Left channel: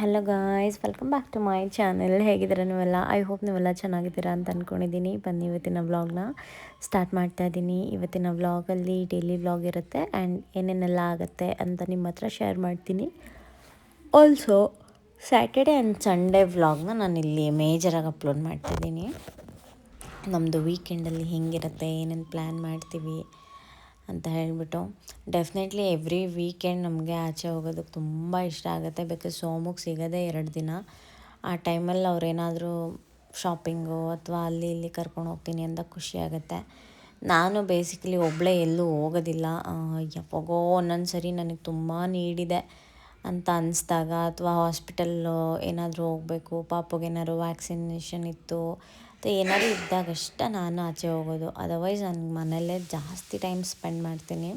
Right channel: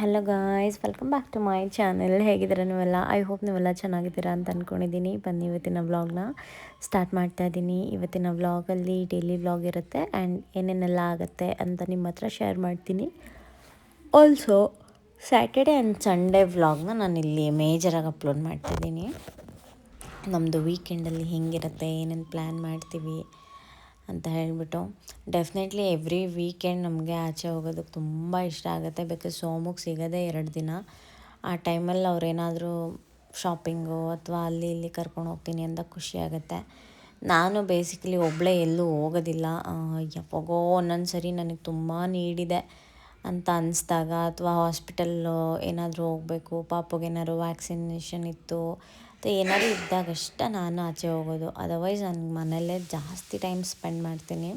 Hello guys, welcome back to my channel. ಹೇಗಿದ್ದೀರಾ ನೀವೆಲ್ಲ? I hope ನೀವೆಲ್ಲ ಚೆನ್ನಾಗಿದ್ದೀರಾ ಅಂತ ಅಂದ್ಕೊಂಡಿದ್ದೀನಿ. ಬನ್ನಿ ಇವತ್ತಿನ ವ್ಲಾಗ್ನ ಸ್ಟಾರ್ಟ್ ಮಾಡ್ತಾ ಇದ್ದೀನಿ. ಇವತ್ತಿನ ವ್ಲಾಗಲ್ಲಿ ಡೈಲಿ ವ್ಲಾಗ್ ಇರುತ್ತೆ ಆ್ಯಂಡ್ ಏನೇನೆಲ್ಲ ಆಗುತ್ತೆ ಅಂತ ನಿಮ್ಮ ಹತ್ರ ಶೇರ್ ಮಾಡ್ತೀನಿ. ಆಲ್ಸೋ ಸ್ಯಾಟರ್ಡೆ ಆ್ಯಂಡ್ ಸಂಡೇ ವ್ಲಾಗ್ನ ನಾನು ಇಲ್ಲಿ ಮೇಜರಾಗಿ ಅಪ್ಲೋಡ್ ಮಾಡ್ತಾಯಿದ್ದೀನಿ. ನಮ್ಮದು ವೀಕೆಂಡಲ್ಲಿ ಹೆಂಗಿರುತ್ತೆ, ಏನೇನು ಪ್ಲ್ಯಾನ್ ಮಾಡ್ತೀವಿ ಅಂತ ಹೇಳಿಬಿಟ್ಟು. ಡೆಫಿನೆಟ್ಲಿ ಎವ್ರಿ ವೀಕೆಂಡ್ ನಮಗೆ ಆಚೆ ಹೋಗೋದಕ್ಕೆ ತುಂಬ ಇಷ್ಟ ಆಗುತ್ತೆ. ಬಿಕಾಸ್ ಸೋಮುಗೆ ಸಿಗೋದೇ 2 ದಿನ. ಆ ಟೈಮಲ್ಲಿ ಅವ್ರೇನಾದರೂ ಶಾಪಿಂಗು ಅಥವಾ ಅಲ್ಲಿ ಇಲ್ಲಿ ಕರ್ಕೊಂಡು ಹೋಗ್ತೀನಿ ಅಂತ ಖುಷಿಯಾಗುತ್ತೆ. ನಾನು ಬೇಸಿಕಲಿ ಒಬ್ಬಳೇ ಎಲ್ಲೂ ಹೋಗೋದಿಲ್ಲ. ಯಾವಾಗೋ ಒಂದೊಂದು ಸರಿ ನನಗೆ ತುಂಬ ನೀಡಿದೆ ಅಂತ ಅನಿಸ್ದಾಗ ಅಥವಾ ಹಾಸ್ಪಿಟಲ್ಲು ಏನಾದರೂ ಹೋಗಬೇಕು, ಪಾಪುಗೇನಾದ್ರು ವ್ಯಾಕ್ಸಿನೇಷನ್ ಇತ್ತು ಮತ್ತು ಏನಾದರೂ ಇದ್ದಾಗಷ್ಟೇ ನಾನು ಆಚೆ ಹೋಗೋದು. ಅದರ್ವೈಸ್ ನಾನು ಮನೆಯಲ್ಲೇ ಜಾಸ್ತಿ ಟೈಮ್ ಸ್ಪೆಂಡ್ ಮಾಡ್ತೀನಿ.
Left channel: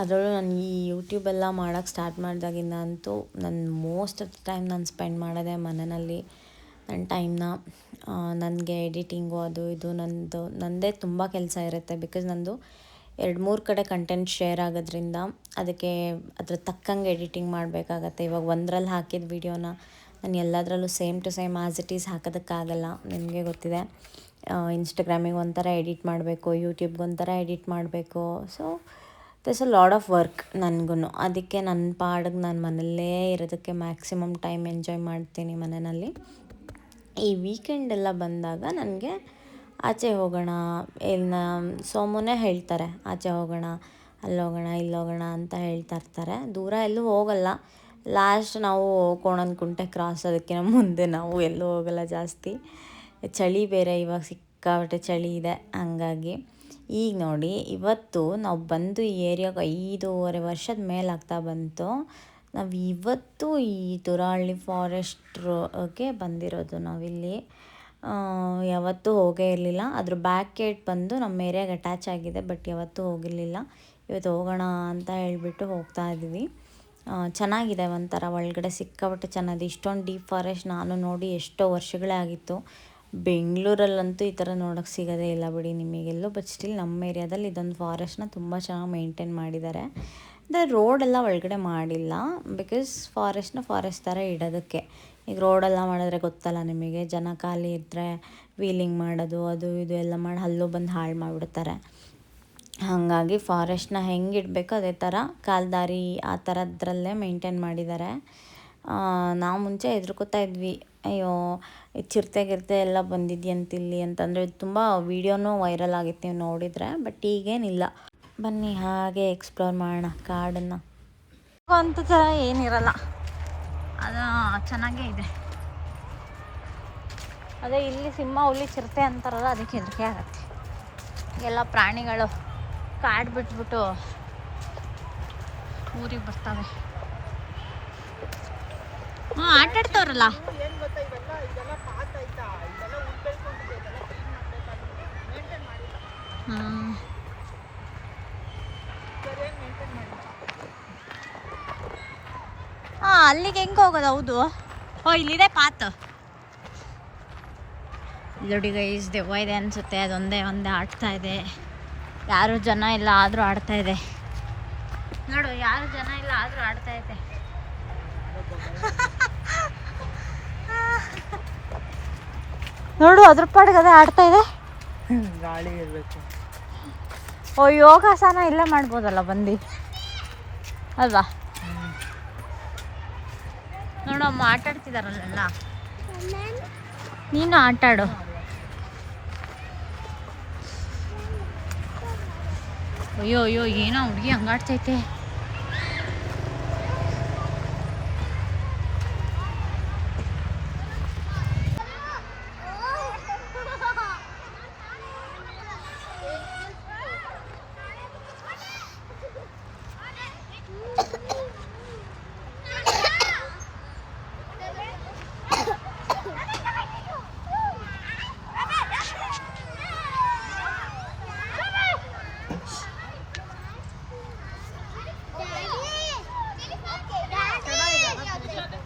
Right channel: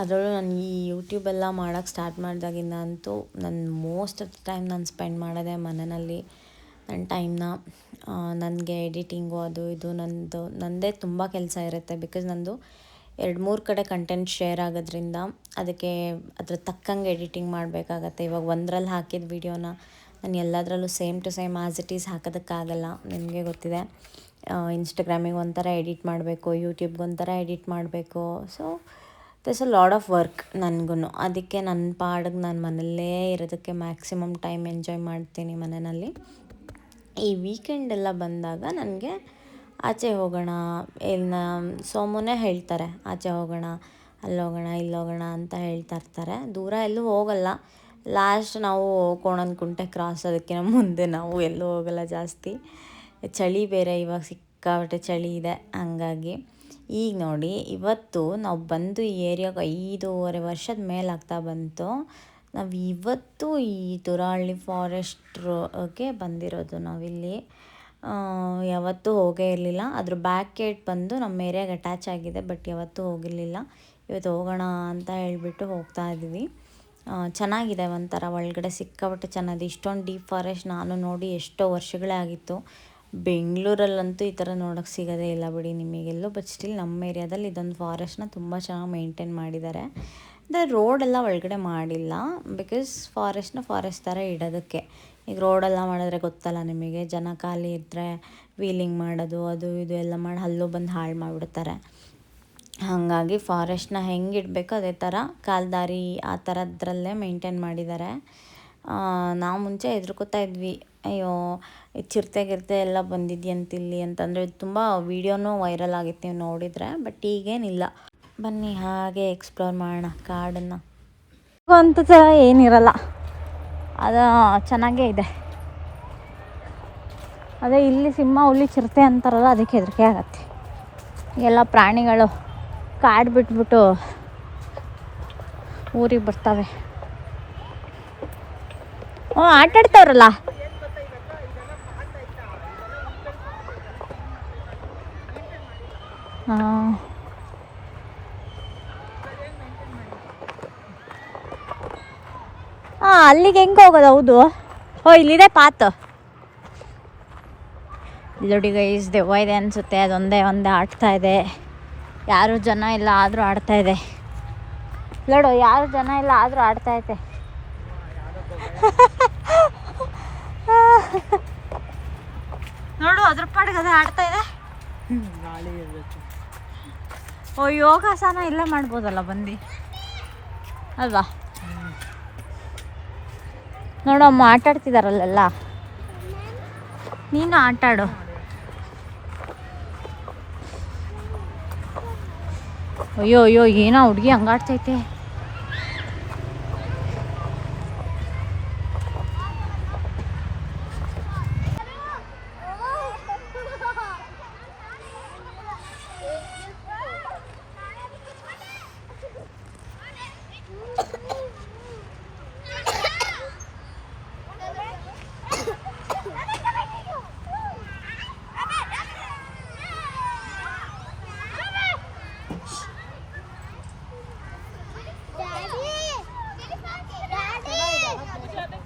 ಅದರಲ್ಲೂ ನಾನು ಈ ಯೂಟ್ಯೂಬೆಲ್ಲ ಮಾಡೋಕ್ಕೆ ಸ್ಟಾರ್ಟ್ ಮಾಡಿದಾಗಿಂದ ಅಂತೂ ನಾನು ಮೋಸ್ಟ್ ಆಫ್ ದ ಟೈಮ್ ನಾನು ಸ್ಪೆಂಡ್ ಮಾಡೋದೇ ಮನೆಯಲ್ಲಿ ನನ್ನ ಟೈಮ್ನ. ನನಗೆ ಎಡಿಟಿಂಗು ಅದು ಇದು ನನ್ನದೇ ತುಂಬ ಕೆಲಸ ಇರುತ್ತೆ. ಬಿಕಾಸ್ ನಂದು 2-3 ಕಡೆ ಕಂಟೆಂಟ್ ಶೇರ್ ಆಗೋದ್ರಿಂದ ಅದಕ್ಕೆ ಅದ್ರ ತಕ್ಕಂಗೆ ಎಡಿಟಿಂಗ್ ಮಾಡಬೇಕಾಗತ್ತೆ. ಇವಾಗ ಒಂದರಲ್ಲಿ ಹಾಕಿದ ವೀಡಿಯೋನ ನಾನು ಎಲ್ಲದರಲ್ಲೂ same to same as it is ಹಾಕೋದಕ್ಕಾಗಲ್ಲ. ನಿಮಗೆ ಗೊತ್ತಿದೆ, ಇನ್ಸ್ಟಾಗ್ರಾಮಿಗೆ ಒಂಥರ ಎಡಿಟ್ ಮಾಡಬೇಕು, ಯೂಟ್ಯೂಬ್ಗೆ ಒಂಥರ ಎಡಿಟ್ ಮಾಡಬೇಕು. So this a lot of work ನನಗೂ. ಅದಕ್ಕೆ ನನ್ನ ಪಾಡಿಗೆ ನಾನು ಮನೆಯಲ್ಲೇ ಇರೋದಕ್ಕೆ ಮ್ಯಾಕ್ಸಿಮಮ್ ಟೈಮ್ ಎಂಜಾಯ್ ಮಾಡ್ತೀನಿ ಮನೆಯಲ್ಲಿ. ಈ ವೀಕೆಂಡೆಲ್ಲ ಬಂದಾಗ ನನಗೆ ಆಚೆ ಹೋಗೋಣ, ಇಲ್ಲ ಸೋಮುನೇ ಹೇಳ್ತಾರೆ ಆಚೆ ಹೋಗೋಣ, ಅಲ್ಲೋಗೋಣ ಇಲ್ಲೋಗೋಣ ಅಂತ ಹೇಳ್ತಾ ಇರ್ತಾರೆ. ದೂರ ಎಲ್ಲೂ ಹೋಗಲ್ಲ. ಲಾಸ್ಟ್ ನಾವು ಕೋಣನಕುಂಟೆ ಕ್ರಾಸ್ ಅದಕ್ಕಿಂತ ಮುಂದೆ ನಾವು ಎಲ್ಲೂ ಹೋಗಲ್ಲ ಜಾಸ್ತಿ. ಚಳಿ ಬೇರೆ, ಇವಾಗ ಸಿಕ್ಕಾಪಟ್ಟೆ ಚಳಿ ಇದೆ. ಹಂಗಾಗಿ ಈಗ ನೋಡಿ, ಇವತ್ತು ನಾವು ಬಂದು ಈ ಏರಿಯಾಗೆ 5.5 ವರ್ಷದ ಮೇಲಾಗ್ತಾ ಬಂತು. ನಾವು ಇವತ್ತು ಈ ತುರಹಳ್ಳಿ ಫಾರೆಸ್ಟ್ಗೆ ಬಂದಿರೋದು. ನಾವಿಲ್ಲಿ ಯಾವತ್ತೂ ಹೋಗೇ ಇರಲಿಲ್ಲ. ಅದ್ರ ಬ್ಯಾಕ್ ಗೇಟ್ ಬಂದು ನಮ್ಮ ಏರಿಯಾಗೆ ಅಟ್ಯಾಚ್ ಆಗಿದೆ, ಬಟ್ ಯಾವತ್ತೂ ಹೋಗಿರಲಿಲ್ಲ. ಇವತ್ತು ಹೋಗೋಣ ಅಂತ ಹೇಳಿಬಿಟ್ಟು ಹೋಗ್ತಾ ಇದ್ವಿ. ಚೆನ್ನಾಗಿದೆ, ಒಂಥರ ಒಳಗಡೆ ಸಿಕ್ಕಾಪಟ್ಟೆ ಚೆನ್ನಾಗಿದೆ. ಇಷ್ಟೊಂದು ಡೀಪ್ ಫಾರೆಸ್ಟ್ ನಾನು ನೋಡಿ ಎಷ್ಟೋ ವರ್ಷಗಳೇ ಆಗಿತ್ತು. ಬೆಂಗಳೂರಲ್ಲಂತೂ ಈ ಥರ ನೋಡೋಕ್ಕೆ ಸಿಗೋದೇ ಇಲ್ಲ ಬಿಡಿ ನಿಮಗೆಲ್ಲೂ. ಬಟ್ ಸ್ಟಿಲ್ ನಮ್ಮ ಏರಿಯಾದಲ್ಲಿ ಇದೊಂದು ಫಾರೆಸ್ಟ್ನ ತುಂಬ ಚೆನ್ನಾಗಿ ಮೇಂಟೈನ್ ಮಾಡಿದ್ದಾರೆ. ಅಂದರೆ ರೋಡೆಲ್ಲ ಒಳಗಡೆ ಮಾಡಿಲ್ಲ, ಬಿಕಾಸ್ ಫಾರೆಸ್ಟ್ ಥರ ಇಡೋದಕ್ಕೆ. ಈಗ ರೋಡೆಲ್ಲ ಮಾಡಿದ್ರೆ ಗೊತ್ತಲ್ಲ ನಿಮಗೆ, ಜನ ಖಾಲಿ ಇದ್ದರೆ ವೀಲಿಂಗ್ ಮಾಡೋದು ಅದು ಇದು ಎಲ್ಲ ಮಾಡಿ ಅಲ್ಲೂ ಬಂದು ಹಾಳು ಮಾಡಿಬಿಡ್ತಾರೆ. ಹಾಗಾಗಿ ಫಾರೆಸ್ಟ್ನ ಹೆಂಗೆ ಇಡಬೇಕು ಅದೇ ಥರ ಕಾಲ್ದಾರಿ ಆ ಥರದ್ರಲ್ಲೇ ಮೇಂಟೈನ್ ಮಾಡಿದ್ದಾರೆ. ನಾವು ಮುಂಚೆ ಹೆದರ್ಕೋತಾ ಇದ್ವಿ, ಅಯ್ಯೋ ಚಿರತೆ ಗಿರ್ತೆ ಎಲ್ಲ ಬಂದಿದ್ಯಂತಿಲ್ಲಿ ಅಂತಂದರೆ. ತುಂಬ ವೀಡಿಯೋನೂ ವೈರಲ್ ಆಗಿತ್ತು, ನೀವು ನೋಡಿದರೆ. ಬಟ್ ಈಗೇನಿಲ್ಲ. ಬನ್ನಿ ಹಾಗೆ ಎಕ್ಸ್ಪ್ಲೋರ್ ಮಾಡೋಣ ಕಾಡನ್ನು. ಅಂತ ಥರ ಏನಿರಲ್ಲ, ಅದು ಚೆನ್ನಾಗೇ ಇದೆ. ಅದೇ ಇಲ್ಲಿ ಸಿಂಹ, ಹುಲಿ, ಚಿರತೆ ಅಂತಾರಲ್ಲ, ಅದಕ್ಕೆ ಹೆದರಿಕೆ ಆಗತ್ತೆ. ಎಲ್ಲ ಪ್ರಾಣಿಗಳು ಕಾಡು ಬಿಟ್ಬಿಟ್ಟು ಊರಿಗೆ ಬರ್ತವೆ. ಆಟಾಡ್ತವ್ರಲ್ಲ. ಅಲ್ಲಿಗೆ ಹೆಂಗೆ ಹೋಗೋದು? ಹೌದು, ಇಲ್ಲಿದೆ ಪಾತ್. ನೋಡಿ ಗೈಸ್, ದೆವ್ವ ಇದೆ ಅನಿಸುತ್ತೆ. ಅದೊಂದೇ ಆಡ್ತಾ ಇದೆ. ಯಾರು ಜನ ಇಲ್ಲ ಆದರೂ ಆಡ್ತಾ ಇದೆ. ನೋಡು, ಯಾರು ಜನ ಇಲ್ಲ ಆದರೂ ಆಡ್ತಾ ಇದೆ. ನೋಡು, ಅದ್ರ ಪಾಡಿಗೆ ಅದೇ ಆಡ್ತಾ ಇದೆ. ಗಾಳಿ ಇರಬೇಕು. ಯೋಗಾಸನ ಇಲ್ಲೇ ಮಾಡ್ಬೋದಲ್ಲ ಬಂದು, ಅಲ್ವಾ? ನೋಡು, ಅಮ್ಮ ಆಟಾಡ್ತಿದಾರಲ್ಲ. ನೀನು ಆಟಾಡು. ಅಯ್ಯೋ ಏನೋ ಹುಡುಗಿ ಹಂಗಾಡ್ತೈತೆ.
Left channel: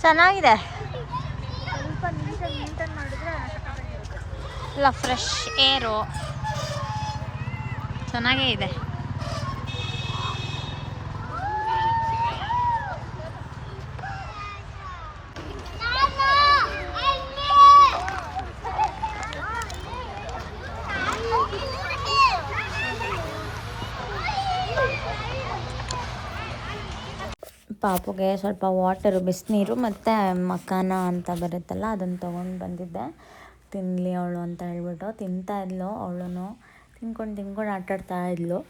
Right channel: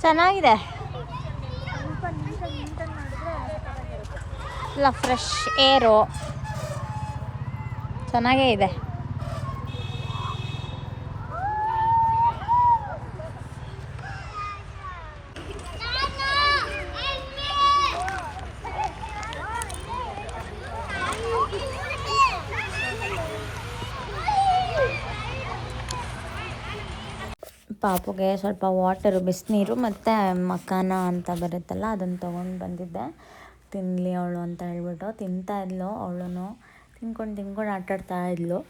ಚೆನ್ನಾಗಿದೆ, ಇಲ್ಲ ಫ್ರೆಶ್ ಏರು ಚೆನ್ನಾಗೇ ಇದೆ. ಪಾಪುಗೆ ಸ್ವಲ್ಪ ವಾಟರು, ಬಿಸಿನೀರು ಮತ್ತು ಮಕಾನ ಅಂತ ಬರುತ್ತಲ್ಲ ಅದನ್ನು ತೊಗೊಂಡು ಬಂದಿದ್ದೆ, ತಿನ್ನಲಿ ಅವಳು ಅಂತ ಹೇಳ್ಬಿಟ್ಟು. ತಿಂತಾ ಇದ್ಲು ಅವಳು, ತಿನ್ಕೊಂಡು ಆಟಾಡ್ತಾ ಇದ್ಲು.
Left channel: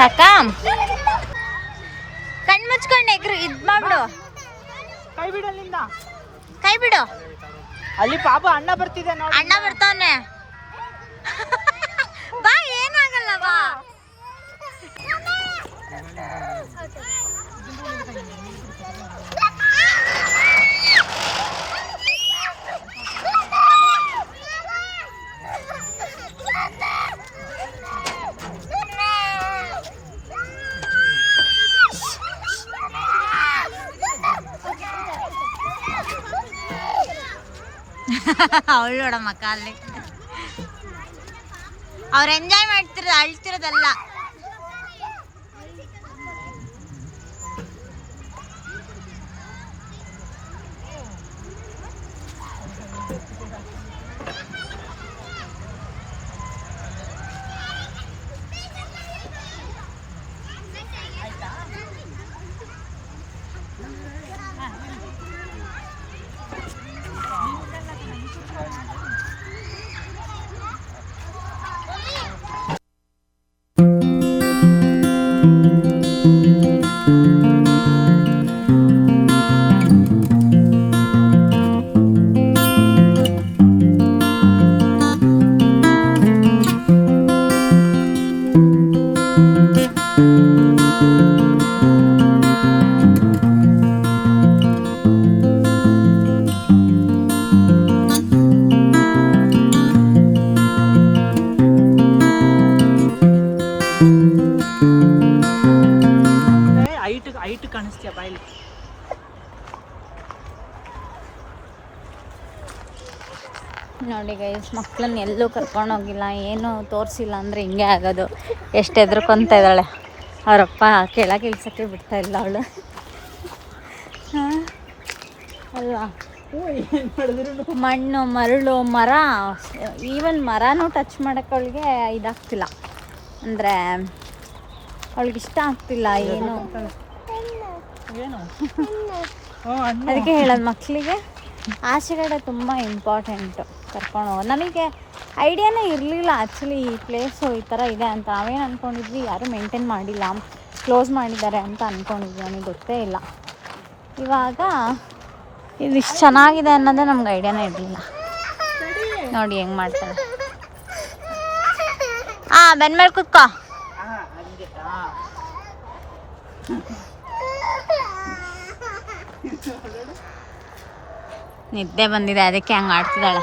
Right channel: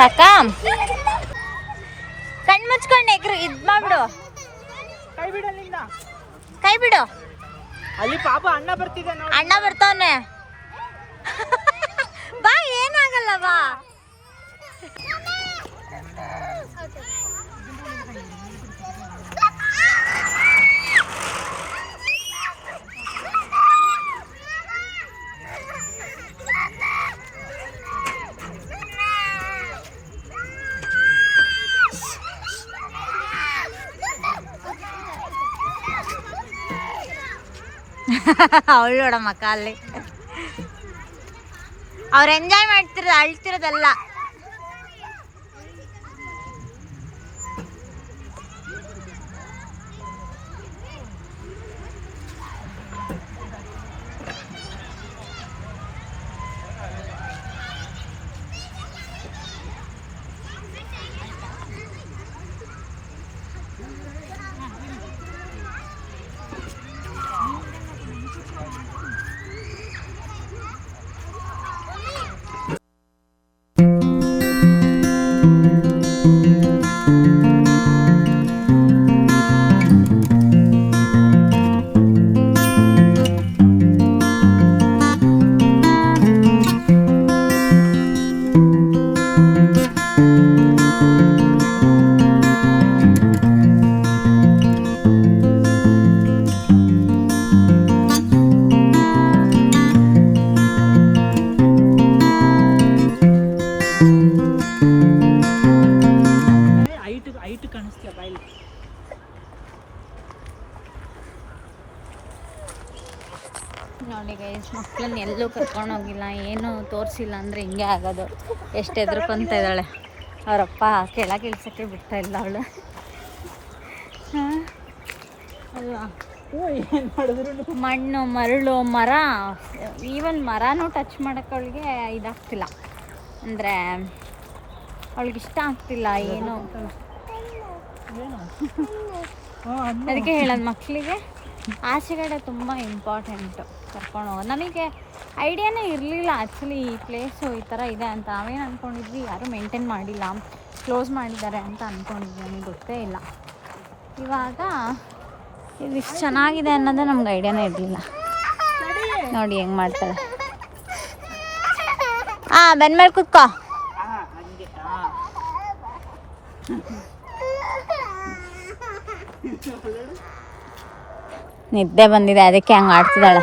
ಸಾಕಾ? ಕಣ್ ಮುಚ್ಕೊಂಡು ಎಗ್ರು ಇದ್ ಮಾಡ್ಬಿಡು. ಕೈ ಬಿಡು ಅಲ್ಲಿಂದ, ಕೈ ಬಿಡು. ಅಲ್ಲಿ ಪಾಪ ಅಣ್ಣ ಬರ್ತಿದೆ ನೋಡಿ. ಅಣ್ಣ ಬರ್ತಾನೆ. ಬಾ, ಏನಾಗಲ್ಲ ಬಾ. ಅವಳು ನೋಡಮ್ಮಕ್ಕ ಅಲ್ಲಿ ಅವ್ರು ಎಂಜಾಯ್ ಮಾಡ್ತಿರೋದು, ಅಳ್ತಿರೋದಲ್ಲ. ಹೈಟ್ ಕಾಣಿಸ್ತೀಯ ಬಾಯಲ್ಲಿ. ನೋಡಿ ಗೈಸ್, ಮಕ್ಕಳನ್ನ ಎಲ್ಲೂ ಕರ್ಕೊಂಡೋಗಿಲ್ಲ, ಏನೂ ತೋರಿಸಿಲ್ಲ ಅಂದರೆ ಹಿಂಗೆ ಆಗೋದು. ಎಷ್ಟು ಹೆದರ್ಕೊತ ಇದ್ದಾಳೆ. ಅವರಪ್ಪ ಕೆಳಗೆ ಇಳ್ಸೋಕ್ಕೆ ಬಿಡ್ತಾ ಇಲ್ಲ ಅವಳು. ಹಾಂ ಅಲ್ವಾ? ಮಣ್ಣು, ಮರಳು, ಮರ, ಈವನ್ ಮರನೂ ಟಚ್ ಮಾಡೋಕ್ಕೆ ಅವಳಿಗೆ ಇದಾಗ್ತಿಲ್ಲ, ಅಂದರೆ ಅವಳಿಗೆ ಇಷ್ಟ ಆಗ್ತಿಲ್ಲ ಏನು. ಅದಕ್ಕೆ ಹೇಳೋದು ಮಕ್ಕಳಿಗೆ ಆಚೆಗಡೆ ತುಂಬ ಇಂಪಾರ್ಟೆಂಟು ಕರ್ಕೊಂಡು ಹೋಗೋದು. ನಮಗೆ ಐಡಿಯಾನೇ ಇರಲಿಲ್ಲ ಆ್ಯಕ್ಚುಲಿ ಈ ಪ್ಲೇಸು ಈ ಥರ ಇದೆ ಅಂತ. ನಾವೇನು ಅಂದ್ಕೊಂಡಿದ್ವಿ, ಯಾರೂ ಮೇಂಟೈನ್ ಮಾಡಿಲ್ಲ, ಕ್ಲೋಸ್ ಮಾಡಿದ್ದಾರೆ ಅಂತ ಅಂದ್ಕೊಂಡಿದ್ವಿ, ನನಗೆ ಗೊತ್ತೇ ಇಲ್ಲ. ಇವಾಗ ಇದು ಇಷ್ಟು ಚೆನ್ನಾಗಿದೆ ಅನ್ನೋದೇ ನಮ್ಗೆ ಐಡಿಯಾನೇ ಇರಲಿಲ್ಲ. ನೋಡಿ ಹೆಂಗೆ ಮಾಡ್ತಾರೆ. ಬೆನ್ನ ಮೇಲೆ ಕುತ್ಕೋ. ನಿದ್ದೆ ಬಂದಿದೆ, ಅದಕ್ಕೆ ಹಂಗೆ ಆಡ್ತಿದ್ದಾಳೆ.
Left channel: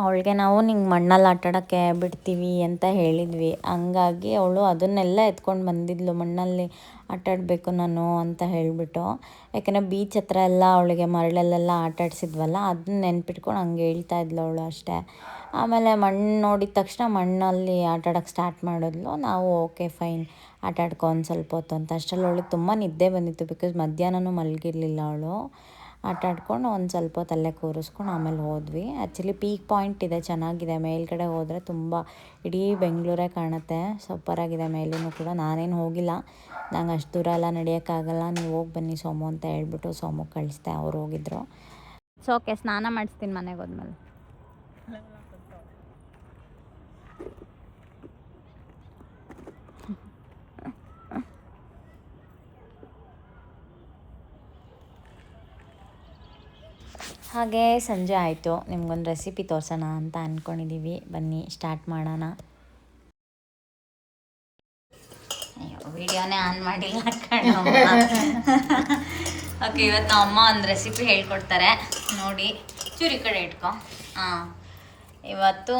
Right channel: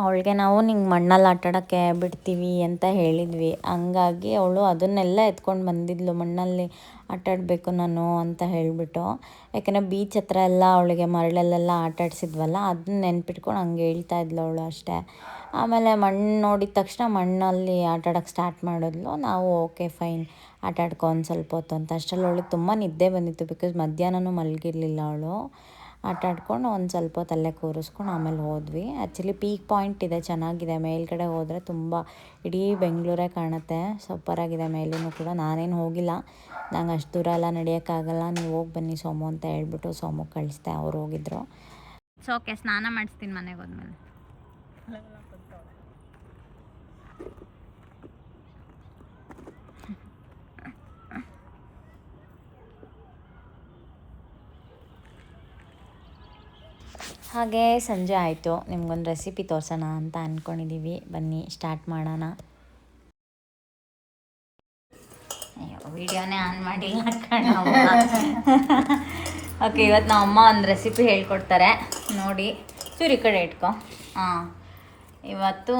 ಅವಳಿಗೆ ನಾವು ನಿಂಗೆ ಮಣ್ಣಲ್ಲಿ ಆಟಾಡೋಕ್ಕೆ ಬಿಡ್ತೀವಿ ಅಂತ ಹೇಳಿದ್ವಿ, ಹಂಗಾಗಿ ಅವಳು ಅದನ್ನೆಲ್ಲ ಎತ್ಕೊಂಡು ಬಂದಿದ್ಲು, ಮಣ್ಣಲ್ಲಿ ಆಟಾಡಬೇಕು ನಾನು ಅಂತ ಹೇಳಿಬಿಟ್ಟು. ಯಾಕೆಂದರೆ ಬೀಚ್ ಹತ್ರ ಎಲ್ಲ ಅವಳಿಗೆ ಮರಳಲ್ಲೆಲ್ಲ ಆಟಾಡಿಸಿದ್ವಲ್ಲ, ಅದನ್ನ ನೆನ್ಪಿಟ್ಕೊಂಡು ಹಂಗೆ ಹೇಳ್ತಾ ಇದ್ಲು ಅವಳು ಅಷ್ಟೇ. ಆಮೇಲೆ ಮಣ್ಣು ನೋಡಿದ ತಕ್ಷಣ ಮಣ್ಣಲ್ಲಿ ಆಟಾಡೋಕ್ಕೆ ಸ್ಟಾರ್ಟ್ ಮಾಡಿದ್ಲು. ನಾವು ಓಕೆ ಫೈನ್ ಆಟಾಡ್ಕೊ ಒಂದು ಸ್ವಲ್ಪ ಹೊತ್ತು ಅಂತ. ಅಷ್ಟರಲ್ಲಿ ಅವಳಿಗೆ ತುಂಬ ನಿದ್ದೆ ಬಂದಿತ್ತು, ಬಿಕಾಸ್ ಮಧ್ಯಾಹ್ನನೂ ಮಲಗಿರಲಿಲ್ಲ ಅವಳು. ಆಟಾಡ್ಕೊಂಡು ಒಂದು ಸ್ವಲ್ಪ ಹೊತ್ತು ಅಲ್ಲೇ ಕೂರಿಸ್ಕೊಂಡು ಆಮೇಲೆ ಹೋದ್ವಿ. ಆ್ಯಕ್ಚುಲಿ ಪೀಕ್ ಪಾಯಿಂಟ್ ಇದೆ, ಚೆನ್ನಾಗಿದೆ, ಮೇಲ್ಗಡೆ ಹೋದರೆ ತುಂಬ ಇಡೀ ಬೆಂಗಳೂರೇ ಕಾಣುತ್ತೆ, ಸೂಪರಾಗಿದೆ. ಮೇಲೂ ಕೂಡ ನಾನೇನು ಹೋಗಿಲ್ಲ, ನಂಗೆ ಅಷ್ಟು ದೂರ ಎಲ್ಲ ನಡೆಯೋಕ್ಕಾಗಲ್ಲ, ನೀವು ಹೋಗಿ ಬನ್ನಿ ಸೋಮು ಅಂತ ಹೇಳ್ಬಿಟ್ಟು ಸೋಮು ಕಳಿಸ್ದೆ, ಅವ್ರು ಹೋಗಿದ್ರು. ಸೊ ಓಕೆ, ಸ್ನಾನ ಮಾಡಿಸ್ತೀನಿ ಮನೆಗೆ ಹೋದ್ಮೇಲೆ. ಹಾಗೆ ಸಂಜೆ ಆಯಿತು, ನಿಮ್ಗೊಂದು ರೆಸಿಪಿ ತೋರಿಸೋಣ ಅಂತ ಅಂದ್ಕೊಂಡಿದ್ದೀವಿ. ಬನ್ನಿ ಸ್ಟಾರ್ಟ್ ಮಾಡೋಣ. ಅಯ್ಯೋ, ವಿಡಿಯೋನೇ ಆನ್ ಮಾಡಿಲ್ಲ ಕಣೋ. ಓಕೆ, ಇವತ್ತು ನಮ್ಮ ಅಮ್ಮ ಒಂದು ರೆಸಿಪಿ ಹೇಳ್ಕೊಡ್ತಾರೆ ನೋಡಿ. ಚೂರಿ ಕಡೆ ಇಟ್ಕೊ. ಇವತ್ತು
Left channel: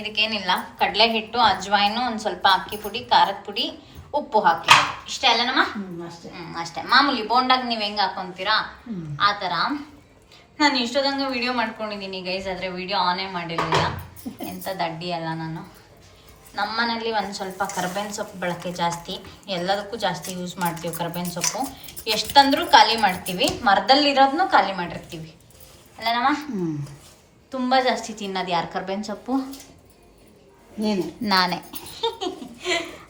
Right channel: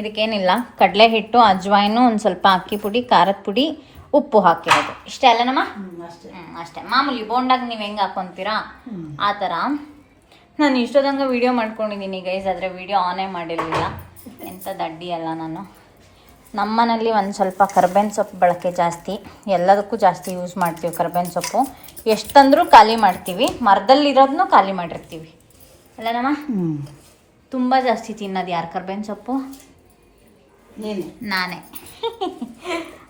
ಇದಕ್ಕೇನಿಲ್ಲ, ಕಡಲೆ ಹಿಟ್ಟು, ಅಜ್ವಾಯಿನು, ಒಂದು ಸ್ವಲ್ಪ ಅಕ್ಕಿ ಪುಡಿ, ಖಾರದ ಪುಡಿ, ಉಪ್ಪು ಹಾಕಿ ಇಷ್ಟೇ ಅಲ್ಲನಮ್ಮ. ಅಷ್ಟೇ ಮಾಮೂಲಿ ಬೋಂಡಾಗ ನೀವು ಹೆಂಗೆ ಹಾಕೊತೀರಾ ಆ ಥರ. ನಾನು ಇಷ್ಟೊಂದಂಗೆ ವಿಡಿಯೋ ಮಾಡ್ಕೊಂಡಿದ್ದೀನಿ ಗೈಸ್, ಆದರೆ ವಿಡಿಯೋ ಆನೇ ಮಾಡಿರಲಿಲ್ಲ. ಎಂಥ ದಡ್ಡಿ ಅಲ್ಲ ನಾನು. ನಮ್ಮನೇಲಿ ಒಂದು ಸ್ವಲ್ಪ ಕರ್ಬೇವಿನ ಸೊಪ್ಪು ಬಳಕೆ ಜಾಸ್ತಿ, ಎಲ್ಲದಕ್ಕೂ ಜಾಸ್ತಿ ಯೂಸ್ ಮಾಡ್ತೀವಿ ಕರ್ಬೇವಿನ ಸೊಪ್ಪು. ಎಷ್ಟಂದ್ರೂ ಖಾಲಿ ಮಾಡ್ತೀವಿ, ಮರದಲ್ಲಿರೋದನ್ನೂ ಖಾಲಿ ಮಾಡಿರ್ತೀವಿ ಅಲ್ಲನಮ್ಮ. ತುಂಬ ಜಾಸ್ತಿ ತಿನ್ನೋದು ಯಾರು ಕರ್ಬೇವಿನ ಸೊಪ್ಪು? ನಾನೇ.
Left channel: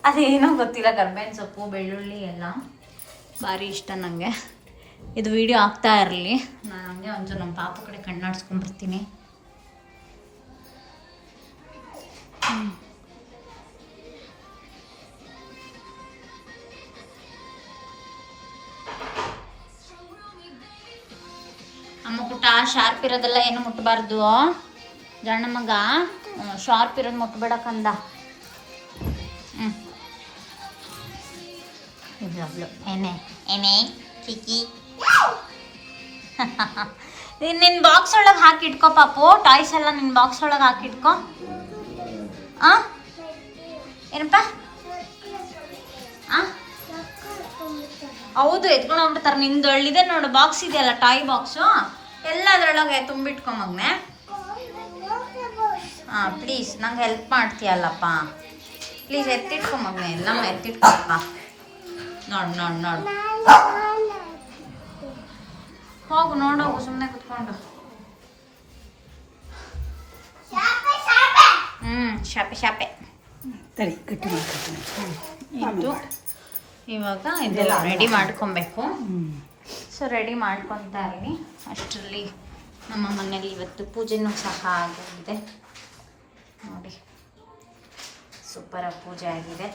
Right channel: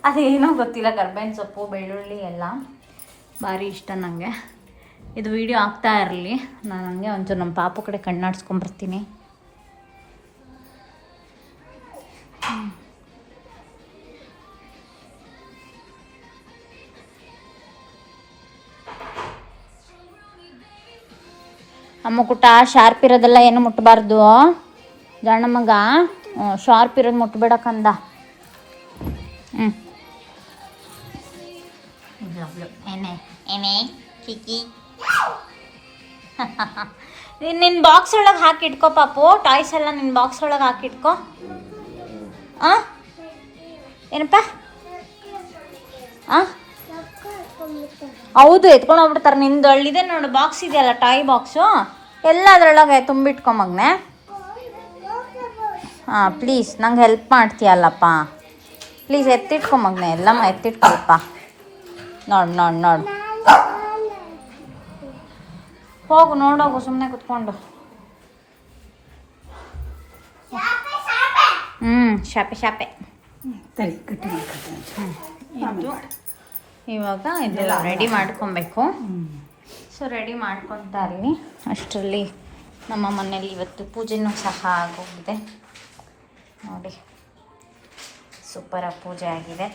ಅದೇನೋ ಗೊತ್ತಿಲ್ಲ, ಕರ್ಬೇವಿನ ಸೊಪ್ಪು, ಬೆಳ್ಳುಳ್ಳಿ ಎಲ್ಲ ಭಾರಿ ಇಷ್ಟ ನನಗೆ. ಇದು ವಿಡಿಯೋ ಆಗ್ತಾ ಇರಲಿ, ನಾನು ಹಂಗೆ ಒಂಚೂರು ನಮ್ಮ ಪಾಪ ಕಡೆ ಕಣ್ಣಾಡ್ಸ್ಕೊಂಡ್ಬರ್ತೀನಿ. ಅಮ್ಮ ಪುಟ್ಟ, ಶಾರ್ಪ್ ಇರೋದೆಲ್ಲ ಏನು ಮುಟ್ಟಬಾರ್ದು ಜಣ್ಣ ಮಗ. ಶಾರ್ಪ್ ಇರೋದು ಮುಟ್ಬೇಡಕ್ಕಂದ. ಏನೇ ಏನೇ ಕಿಕ್ಕಿ. ನಿನ್ನ ಬಾಕ್ಸ್ ಒಳಗೆ ಹಾಕಿಟ್ಕೋ ಪಾಪು, ಟಾಯ್ಸ್ ಎಲ್ಲ ನಿನ್ನ ಬಾಕ್ಸ್ ಒಳಗೆ ಹಾಕಿಟ್ಕೋ. ಏನಪ್ಪ? ಹೌದು, ಎತ್ಕೊಂಡು ಹೋಗ್ಬಿಡ್ತಾರೆ. ನಿಂದು ಒಳ್ಳಿದೆ ನೋಡು, ಬಾಕ್ಸ್ ಇದೆಯಲ್ಲ, ಟಾಯ್ ಬಾಕ್ಸು, ಎಲ್ಲ ಅದರೊಳಗೆ ತುಂಬಿಟ್ಕೊ ಮಗನೆ. ಪ್ಲೀಸ್ ನಂಗೆ ಹೆಲ್ಪ್ ಮಾಡ್ತೀಯಲ್ಲಪ್ಪ, ಪ್ಲೀಸ್ ಎತ್ತಿಟ್ಕೊ ಮಗನೆ, ಎಲ್ಲಮ್ಮ ಎತ್ತಿಟ್ಕೊಪ್ಪ. ನೋಡು ನೋಡು ನೋಡು, ಹೋಗು ನೋಡೋಗು, ಸುಮ್ಮನೆ ಕುತ್ಕೊಂಡು. ಶಾಪೆ ಶಾಪೆ ಇದು. ಇವಾಗ ಇದೆಲ್ಲ ರೆಡಿ ಮಾಡ್ಕೊಬೇಕು. ಸೊ ರೆಡಿ ಮಾಡ್ಕೊತಾ ಇರಲಿ. ಅಷ್ಟರಲ್ಲಿ ನಮ್ಮ ಮನೇಲಿ ಇವತ್ತು ಪೂಜೆನೂ ಸಹ ಆಗಿದೆ ನೋಡಿ, ಸೂಪರಾಗಿ ಪೂಜೆ ಆಗಿದೆ.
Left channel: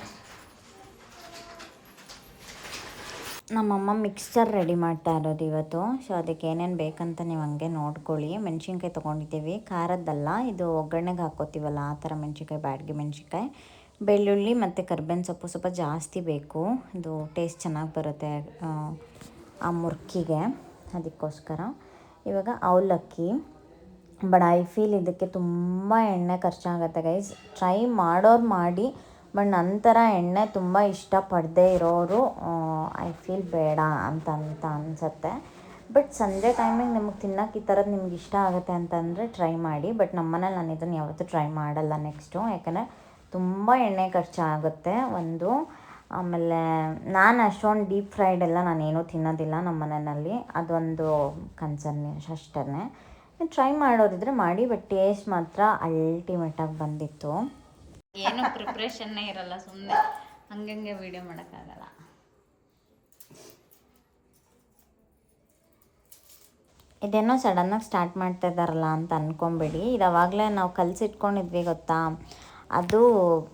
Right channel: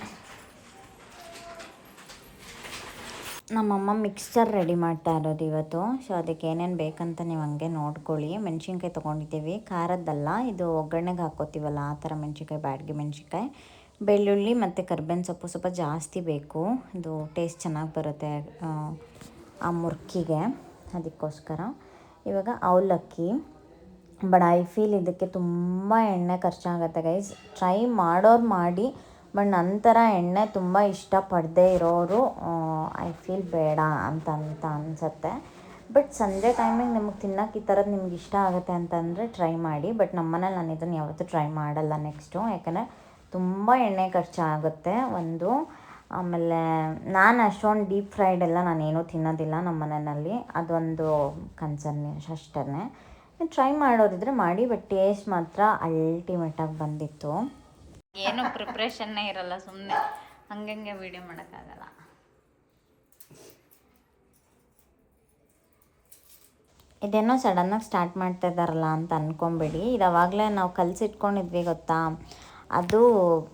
ನಮ್ಮಮ್ಮ ಮಿಕ್ಸ್ಚರ್ ರೆಡಿ ಮಾಡ್ತಾ ಇರೋದು ಇವತ್ತು. ಸೊ ಅದಕ್ಕೆ ಏನೇನು ಬೇಕಂತ ನೀವು ಹಂಗೆ ನೋಡ್ಕೊಳ್ಳಿ. ಮೆಣಸಿನ್ಕಾಯಿ ತೊಗೊಂಡಿದ್ದೀವಿ, ಖಾರದ್ದಲ್ಲ, ಇದು ಒಗ್ಗರಣೆಗೆ ಹಾಕ್ಕೋತೀವಲ್ಲ ಆ ಥರ ಮೆಣಸಿನ್ಕಾಯಿ, ಬ್ಯಾಡಗಿ ಮೆಣಸಿನ್ಕಾಯಿ, ಬೆಳ್ಳುಳ್ಳಿ ಮತ್ತು ಕರ್ಬೇವಿನ ಸೊಪ್ಪು ಸ್ವಲ್ಪ ಜಾಸ್ತಿ ಬೇಕು, ಇದು ಟೇಸ್ಟ್ ಚೆನ್ನಾಗಿ ಬರುತ್ತೆ ಆ ಮುರ್ಕಿಗೆ, ಅದಕ್ಕೋಸ್ಕರ. ಇವಾಗ ಅವಲಕ್ಕಿ. ಬಟ್ ಐ ಫೀಲ್ ಇದಕ್ಕೆ ತುಂಬ ಎಣ್ಣೆ ಖರ್ಚಾಗುತ್ತೆ ಗೈಸ್. ಟ್ರೈ ಮಾಡೋರು ಮಾಡಿ, ಬಟ್ ನಂತರ ಎಣ್ಣೆ ತುಂಬ ಇಷ್ಟಪಡದೇ ಇರೋರು ಐ ಫೀಲ್ ಬೇಡ ಅಂತ ಅನಿಸುತ್ತೆ. ಬಟ್ ಸಂಜೆ ಟೈಮಿಗೆ ನಿಮಗೆ ತಿನ್ನೋಕೆ ಈ ಥರದ್ದು ನಿಮ್ಗೆ ಇಷ್ಟ ಆಗುತ್ತೆ ಅಂತಂದರೆ ಟ್ರೈ ಮಾಡಿ. ಬಟ್ ನಮ್ಮನೇಲಿ ನಾನು ಇದನ್ನು ಯಾವತ್ತೂ ಟ್ರೈ ಮಾಡಲ್ಲ ನೆಕ್ಸ್ಟು, ಯಾಕಂದರೆ ತುಂಬ ಎಣ್ಣೆ ಖರ್ಚಾಗುತ್ತೆ ಒಂದು. ಆಮೇಲೆ ನಾನು ಅಷ್ಟೊಂದು ಡೀಪ್ ಫ್ರೈಡ್ ಎಲ್ಲ ನಾನೇನೂ ತಿನ್ನೋದಿಲ್ಲ ನಮ್ಮ ಮನೆಯಲ್ಲಿ, ಅದೊಂದು ಕನ್ಸರ್ನ್ ಅಷ್ಟೇ. ಟ್ರೈ ಮಾಡೋರಿದ್ರೆ ಮಾಡಿ, ಬಟ್ ಟೇಸ್ಟ್ ಮಾತ್ರ ಅಲ್ಟಿಮೇಟಾಗಿ ಬಂದಿತ್ತು. ಏನು ಪ್ರಿಪ್ರೇಷನ್ನೇ ಇರಲ್ಲ, ಸುಮ್ಮನೆ ಹಂಗಂಗೆ ವಿಡಿಯೋ ಮಾಡೋಕ್ಕಾಗಲ್ಲ. ಇದೇನೋ ಸಡನ್ನಾಗಿ ಸ್ಟಾರ್ಟ್ ಮಾಡ್ತಾ ಇದ್ದಾರಲ್ಲ ಅಂತ ಅಂದ್ಕೊಂಬೇಡಿ. ಇದು ಅವಾಗಲೇ ನಾವು ಕಲಸಿಟ್ಕೊಂಡಿದ್ವಿ ಗೊತ್ತಾ, ಅದು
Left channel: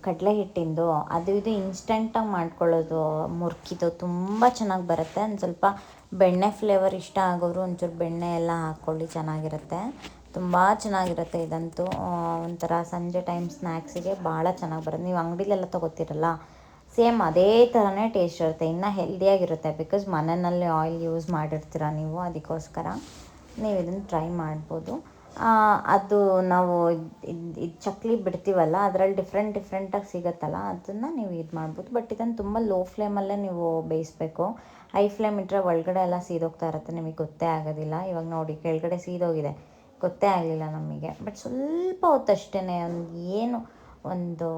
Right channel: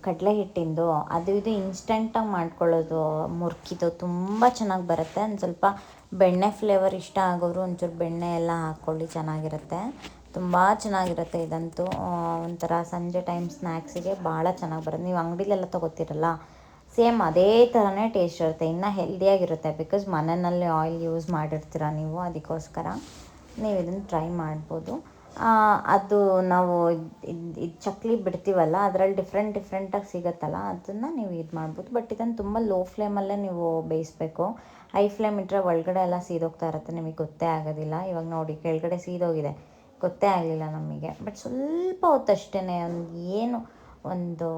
ಕಡಲೆ ಹಿಟ್ಟಿಂದು. ಅದು ಇದು ಇನ್ಸ್ಟೆಂಟಾಗಿ ಮಾಡ್ಕೊಳ್ಳೋದು ಮುರ್ಕಿದು, ತುಂಬ ಚೆನ್ನಾಗಿ ಬರುತ್ತೆ. ಒಂದು ಸ್ವಲ್ಪ ಬೆಣ್ಣೆ ಫ್ಲೇವರ್ ಇಷ್ಟ ಆಗೋರು ಒಂಚೂರು ಬೆಣ್ಣೆ ಎಲ್ಲ ಹಾಕ್ಕೊಳ್ಳಿ, ಚೆನ್ನಾಗಿರುತ್ತೆ, ತುಂಬ ಚೆನ್ನಾಗಿರುತ್ತೆ. ಇದಂತೂ ಒಂಥರ ಸಂಜೆ ಟೈಮ್ ಸ್ನ್ಯಾಕ್ಸಿಗೆ ಭಾಳ ಚೆನ್ನಾಗಿ ಬರುತ್ತೆ. ನೀವು ಅಂಗಡಿಲೆಲ್ಲ ತೊಗೋತೀರಲ್ಲ, ಸೇಮ್ ಅದೇ ಥರನೇ ಟೇಸ್ಟ್ ಇರುತ್ತೆ, ಇನ್ನೂ ಹೆಲ್ದಿಯಾಗಿರುತ್ತೆ. ಬಿಕಾಸ್ ಮನೆಯಲ್ಲಿ ಆಯಿಲ್ ಯೂಸ್ ಮಾಡಿರ್ತೀರ ನೀವು, ಅದಕ್ಕೋಸ್ಕರ ನೀವು ಇದನ್ನು ಟ್ರೈ ಮಾಡ್ಬೋದು. ಅದು ನಾವು ಇದು ಚಕ್ಲಿ ಬಿಡ್ತೀವಲ್ಲ, ಅದರಲ್ಲಿ ಡಿಫ್ರೆಂಟಾಗಿ ಸಿಗುತ್ತಲ್ಲ, ಅದನ್ನು ನೀವು ಇದು ಮಾಡ್ಬೋದು. ಬಟ್ ಇದನ್ನು ತುಂಬ ಲೋ ಫ್ಲೇಮಲ್ಲೇ ನೀವು ಬೇಯಿಸ್ಬೇಕು. ಹೈ ಫ್ಲೇಮ್ ಇಟ್ಟರೆ ಒಳಗಡೆ ಎಲ್ಲ ಸೀದೋಗ್ತಾ ಇರುತ್ತೆ, ನಿಮಗೆ ಗೊತ್ತೇ ಆಗೋದಿಲ್ಲ. ಇವಾಗ ನೋಡಿ ಕೆಳಗಡೆ ಸೀದೋಗಿದೆ, ಗೊತ್ತೇ ಆಗಲಿಲ್ಲ ನಮಗೆ. ಬಟ್ ಸ್ವಲ್ಪ ಹೊತ್ತಷ್ಟೇ, ಒಂದು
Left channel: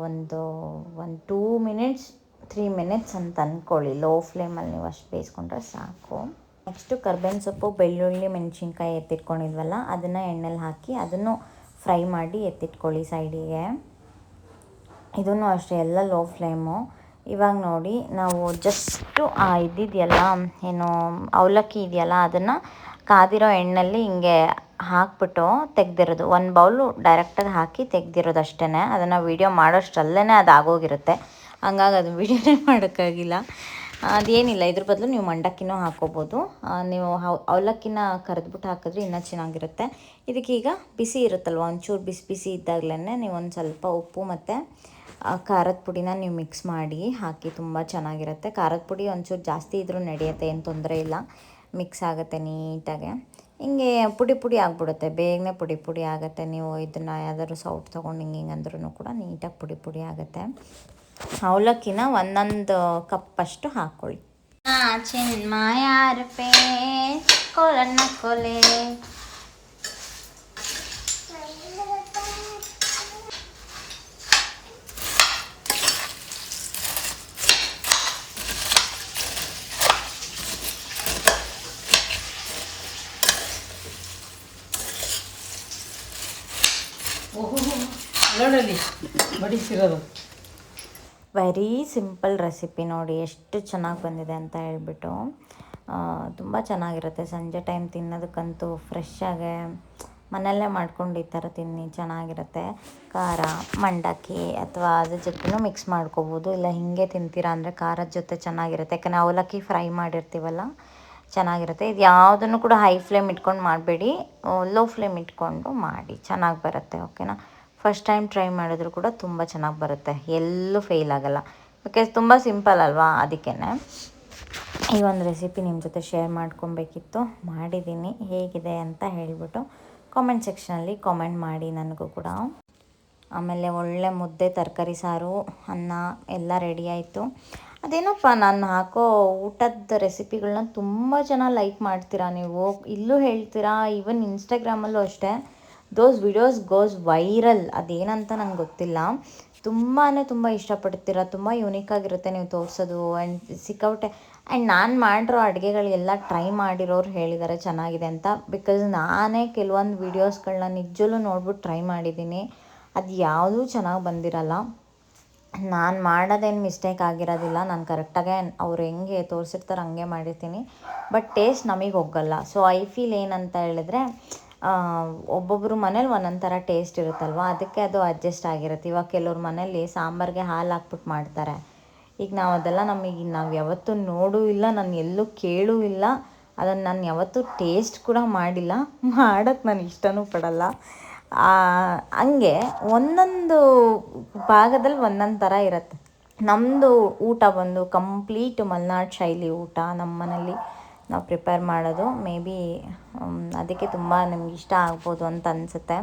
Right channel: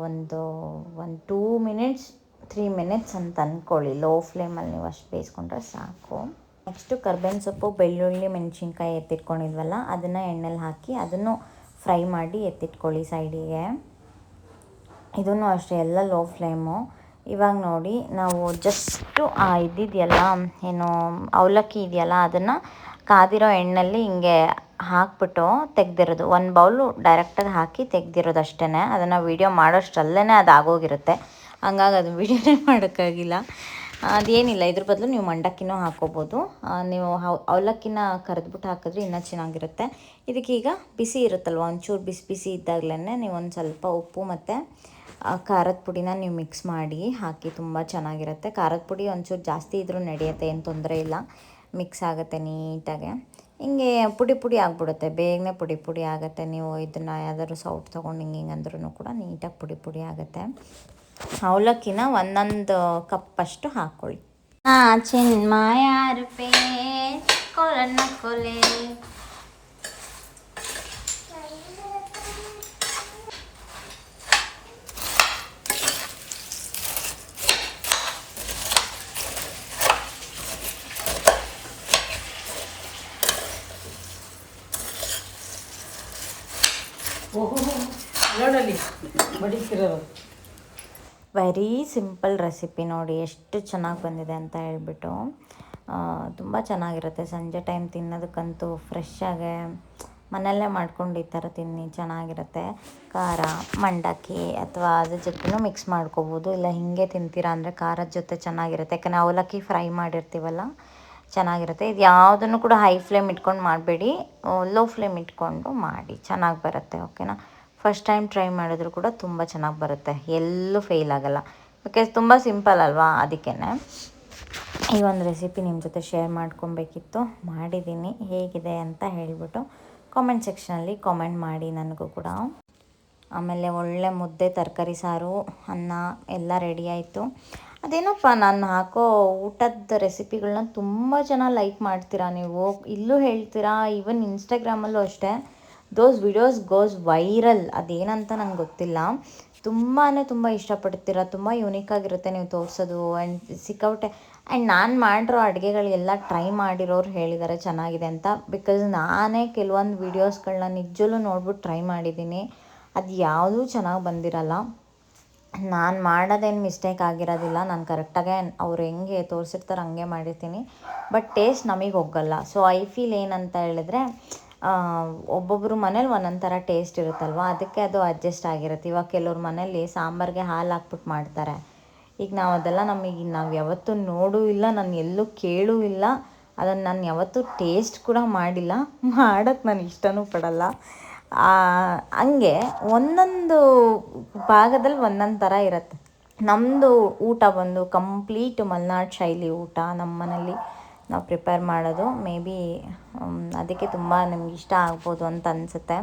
2 ಮಿನಿಟ್ಸ್ 3 ಮಿನಿಟ್ಸ್ ಅಂತ ಅಂದ್ಕೊಳ್ಳಿ. ಲೋ ಫ್ಲೇಮಲ್ಲಿ ನೀವು ಅಷ್ಟು ಬೇಯಿಸ್ಕೊಂಡ್ರೆ ಸಾಕು. ನೆಕ್ಸ್ಟು ಕರ್ಬೇವಿನ ಸೊಪ್ಪು, ಬೆಳ್ಳುಳ್ಳಿ, ಮೆಣಸಿನ್ಕಾಯಿ ಎತ್ತಿಟ್ಕೊಂಡಿದ್ವಲ್ಲ, ಅದನ್ನು ಎಣ್ಣೆಲಿ ಹಾಕಿ ಅದನ್ನು ಫ್ರೈ ಮಾಡಿ ಎತ್ತಿಟ್ಕೊಳ್ಳಿ ಸೈಡಿಗೆ. ಇದನ್ನು ಅಷ್ಟೇ, ಎಲ್ಲ ಲೋ ಫ್ಲೇಮು. ಇವಾಗ ನೋಡಿ ನಾವು ಜಸ್ಟು ಇದ್ದಿದೆಯಲ್ಲ, ಏನು ಅವಲಕ್ಕಿ ಇದೆಯಲ್ಲ, ಅದನ್ನು ಕಾದಿರೋ ಎಣ್ಣೆಯಲ್ಲಿ ಹಿಂಗೆ ಹಾಕ್ಬಿಟ್ಟು ತೆಗ್ದಿರೋದು. 1 ಬೌಲು ಡೈರೆಕ್ಟಾಗಿ ಹಾಕಿ ತೆಗ್ದಿರೋದು ಅಷ್ಟೇ. ಅದನ್ನು ವೀಡಿಯೋ ಮಾಡೋಷ್ಟರಲ್ಲೇ ಅದು ಆಗೋಗಿರುತ್ತೆ, ಹಂಗಾಗಿ ಅದು ವೀಡಿಯೋನೇ ಮಾಡೋಕ್ಕಾಗಿಲ್ಲ. ಅದೇನಿಲ್ಲ, ಇದ್ರ ಬದಲು ನೀವು ಮಂಡಕ್ಕಿನೂ ಹಾಕ್ಕೋಬೋದು. ನೀವು ಅವಲಕ್ಕಿನ ಕರೆದ್ಬಿಟ್ಟು ಹಾಕಿದ್ರೆ ಇನ್ನೂ ಚೆನ್ನಾಗಿರುತ್ತೆ. ಇದಕ್ಕೀಗ ಬಿಸಿ ಇರುತ್ತಲ್ವ, ಒಂಚೂರು ಬಿಸಿ ಇದ್ದಾಗಲೇ ನೀವು ಒಂದು ಸ್ವಲ್ಪ ಉಪ್ಪು ಮತ್ತು ಖಾರದ ಪುಡಿನ ನೀವು ಮಿಕ್ಸ್ ಮಾಡಿ ಹಾಕಿ, ತುಂಬ ಚೆನ್ನಾಗಿರುತ್ತೆ. ಖಾರದ ಪುಡಿ ಒಂಚೂರು ಜಾಸ್ತಿ ಇದ್ರೂ ನಡೆಯುತ್ತೆ, ಏನು ತೊಂದರೆ ಇಲ್ಲ, ಮಿಕ್ಸ್ ಆಗುತ್ತೆ ನೀಟಾಗೆ. ಹಿಂಗೆ ಪುಡಿ ಪುಡಿ ಆಗಿಬಿಡುತ್ತೆ, ಬೇಗನೆ ಪುಡಿ ಪುಡಿ ಆಗುತ್ತೆ. ನೀವು ಇದನ್ನು ಯಾವ್ದಾದ್ರು ಸೌಟ್ ತೊಗೊಂಡು ಹಿಂಗೆ ಅಂದ್ರೂ ಕೂಡ ನೀಟಾಗಿ ಪುಡಿ ಪುಡಿ ಆಗುತ್ತೆ. ಅವಲಕ್ಕಿನ ಒಂದೊಂದು ಕಪ್ಪಷ್ಟು ಹಾಕ್ಕೊಳ್ಳಿ. ಚಿನ್ಮಾಯಾರಪೇ ಕೊಲನ್ನ ಕೊಲೆ ನೋಡಲಿ ಬಡಿಸಿರೋದು. ವೆರಿ ಸಿಂಪಲ್ ರೆಸಿಪಿ ನೋಡಿ ಎಷ್ಟು ಚೆನ್ನಾಗಿ ಬಂದಿದೆ ಅಂತ ಹೇಳ್ಬಿಟ್ಟು. ತುಂಬ ಚೆನ್ನಾಗಿರುತ್ತೆ. ಸಂಜೆ ಟೈಮ್ ತಿನ್ನೋದಕ್ಕಂತೂ ಫ್ರೆಶ್ಶಾಗೆ ಮನೆಯಲ್ಲೇ ಮಾಡ್ಕೊಂಡು ಈ ಥರ ತಿನ್ನಿ, ಚೆನ್ನಾಗಿರುತ್ತೆ. ಖಾರ ಮಂಡಕ್ಕಿ ಅಥವಾ ಅದ್ರ ಜೊತೆನೂ ಮಿಕ್ಸ್ ಮಾಡ್ಕೋಬೋದು, ಇಲ್ಲ ಹೀಗೆ ತಿಂತೀರಾ ಅಂದರೆ ಖಾರದ ಜೊತೆ ಚೆನ್ನಾಗಿರುತ್ತೆ. ಯಾಕಂದರೆ ಅವಲಕ್ಕಿ ಫ್ರೈ ಮಾಡಿರ್ತೀವಲ್ಲ, ಚೆನ್ನಾಗಿರುತ್ತೆ. ಇದು ಯಾವುದನ್ನು ಕೂಡ ಹೈ ಫ್ಲೇಮ್ ಇಟ್ಕೊಂಡು ಮಾಡಬೇಡಿ, ಲೋ ಫ್ಲೇಮ್ ಇಟ್ಕೊಂಡು ಮಾಡಿ, ಚೆನ್ನಾಗಿ ಬರುತ್ತೆ. ಓಕೆನಾ? ಫಸ್ಟ್ ಟೈಮ್ ಟ್ರೈ ಮಾಡಿದ್ರು ಕೂಡ ತುಂಬ ಚೆನ್ನಾಗಿ ಬರುತ್ತೆ, ಎಲ್ಲೂ ಫೇಲ್ ಆಗೋಲ್ಲ. ಬಿಕಾಸ್ ತುಂಬ ಸಿಂಪಲ್ ಅಲ್ವಾ, ಅದಕ್ಕೇ ಈ ಒಂದು ರೆಸಿಪಿ ನಿಮ್ಮ ಜೊತೆ ಶೇರ್ ಮಾಡ್ಕೊಬೇಕಿತ್ತು. ಮಾಡಿದ್ದೀನಿ, ಹೇಗಿದೆ ಅಂತ ಹೇಳಿಬಿಟ್ಟು ಕಾಮೆಂಟ್ ಸೆಕ್ಷನಲ್ಲಿ ಕಾಮೆಂಟ್ ಮಾಡಿ ನನಗೂ ಕೂಡ. ಆಮೇಲೆ ಒಳ್ಳೆ ಮುದ್ದೆ, ತರಕಾರಿ ಸಾರು, ಅನ್ನ ಎಲ್ಲ ರೆಡಿ ಆಯಿತು. ಅದೇನಪ್ಪ ನಾನು ಹಾಕೋ ಊಟದ ರೆಸಿಪಿಗಳನ್ನ ತುಂಬ ಜನ ಲೈಕ್ ಮಾಡ್ತೀರಾ ನೀವು, ಇಲ್ಲೂ ಹೇಳ್ತೀರಾ, ಈವನ್ ಇನ್ಸ್ಟಾಗ್ರಾಮಲ್ಲೂ ಅಷ್ಟೇ. Those videos goes viral. ಅದೇನಂತ ನಂಗೆ ಗೊತ್ತಿಲ್ಲ, ತುಂಬ ಇಷ್ಟಪಡ್ತೀರಾ. ತುಂಬ ಯೂನಿಕಾಗಿರುತ್ತೆ ನೀವು ತೋರಿಸೋದು. ಆ್ಯಂಡ್ ಸಿಕ್ಕಾಪಟ್ಟೆ ಆ್ಯಂಡ್ ನಾನು ಮಾಡಿರೋ ಅಡುಗೆಗಳಿಗೆಲ್ಲ ಟ್ರೈ ಮಾಡಿರೋರು ಹೇಳಿದ್ದಾರೆ ಚೆನ್ನಾಗಿದೆ ಅಂತ. ಬಿಕಾಸ್ ನಾನೇ ಕೆಲವೊಂದು ವೀಡಿಯೋಸ್ಗಳನ್ನ ನಿಜಲ್ಲೂ ನೋಡ್ಬಿಟ್ಟು ಟ್ರೈ ಮಾಡಿದ್ದೀನಿ, ಅದು ಯಾವುದೂ ಚೆನ್ನಾಗಿ ಬಂದಿರಲ್ಲ. ನಾನು ಮಾಡೋದೇನು ಮಿಸ್ಟೇಕ್ ಆಗಿರೋದಿಲ್ಲ, ನಾನು ಕರೆಕ್ಟಾಗೆ ಅವ್ರು ಹೆಂಗೆ ತೋರಿಸಿರ್ತಾರೆ ಹಂಗೆ ಮಾಡಿರ್ತೀನಿ. ಬಟ್ ಟೇಸ್ಟ್ ನಮಗೆ ಹೋಗಲ್ಲ. ಸೊ ಐ ಫೀಲ್ ಏನಂತ ಹೇಳಿದ್ರೆ, ಒಬ್ಬೊಬ್ಬರು ಮನೇಲಿ ಒಂದೊಂದು ಥರ ಟೇಸ್ಟ್ ಇರುತ್ತಲ್ವ, ಅದಕ್ಕೆ ಅದು ಅಡ್ಜಸ್ಟ್ ಆಗಿರುತ್ತೆ. ಇವಾಗ ಕೆಲವ್ರ ಮನೇಲಿ ಸಾಂಬಾರಿಗೆ ಹಾಲು ಹಾಕ್ಬಿಟ್ಟು ಮಾಡ್ತಾರೆ. ಈಗ ಅದೆಲ್ಲ ನಾವು ಯಾವತ್ತೂ ನೋಡೂ ಇಲ್ಲ, ನಾನು ಎಲ್ಲೂ ಕೇಳೂ ಇಲ್ಲ, ಅದನ್ನು ನಾನು ಯಾವತ್ತೂ ಟೇಸ್ಟ್ ಕೂಡ ಮಾಡಿಲ್ಲ, ಮಾಡೋಕ್ಕೆ ನಾನು ಇಷ್ಟನೂ ಪಡಲ್ಲ. ಹಂಗೆ ಒಂದೊಂದು ಭಾಗದಲ್ಲಿ ಒಂದೊಂದು ಥರ ಇರುತ್ತೆ. ನಮ್ಮದು ಊಟ ಬಂದು ಕಂಪ್ಲೀಟ್ ಮಲೆನಾಡು ಶೈಲಿ ಊಟ ನಮ್ಮ ಮನೇಲಿ ನಾವು ಪ್ರಿಪೇರ್ ಮಾಡೋದು. ಮೇ ಬಿ ಅದಕ್ಕೆ ತುಂಬ ನಿಮ್ಗೆ ಇಷ್ಟ ಆಗ್ಬೋದು ಅಂತ ಅನಿಸುತ್ತೆ.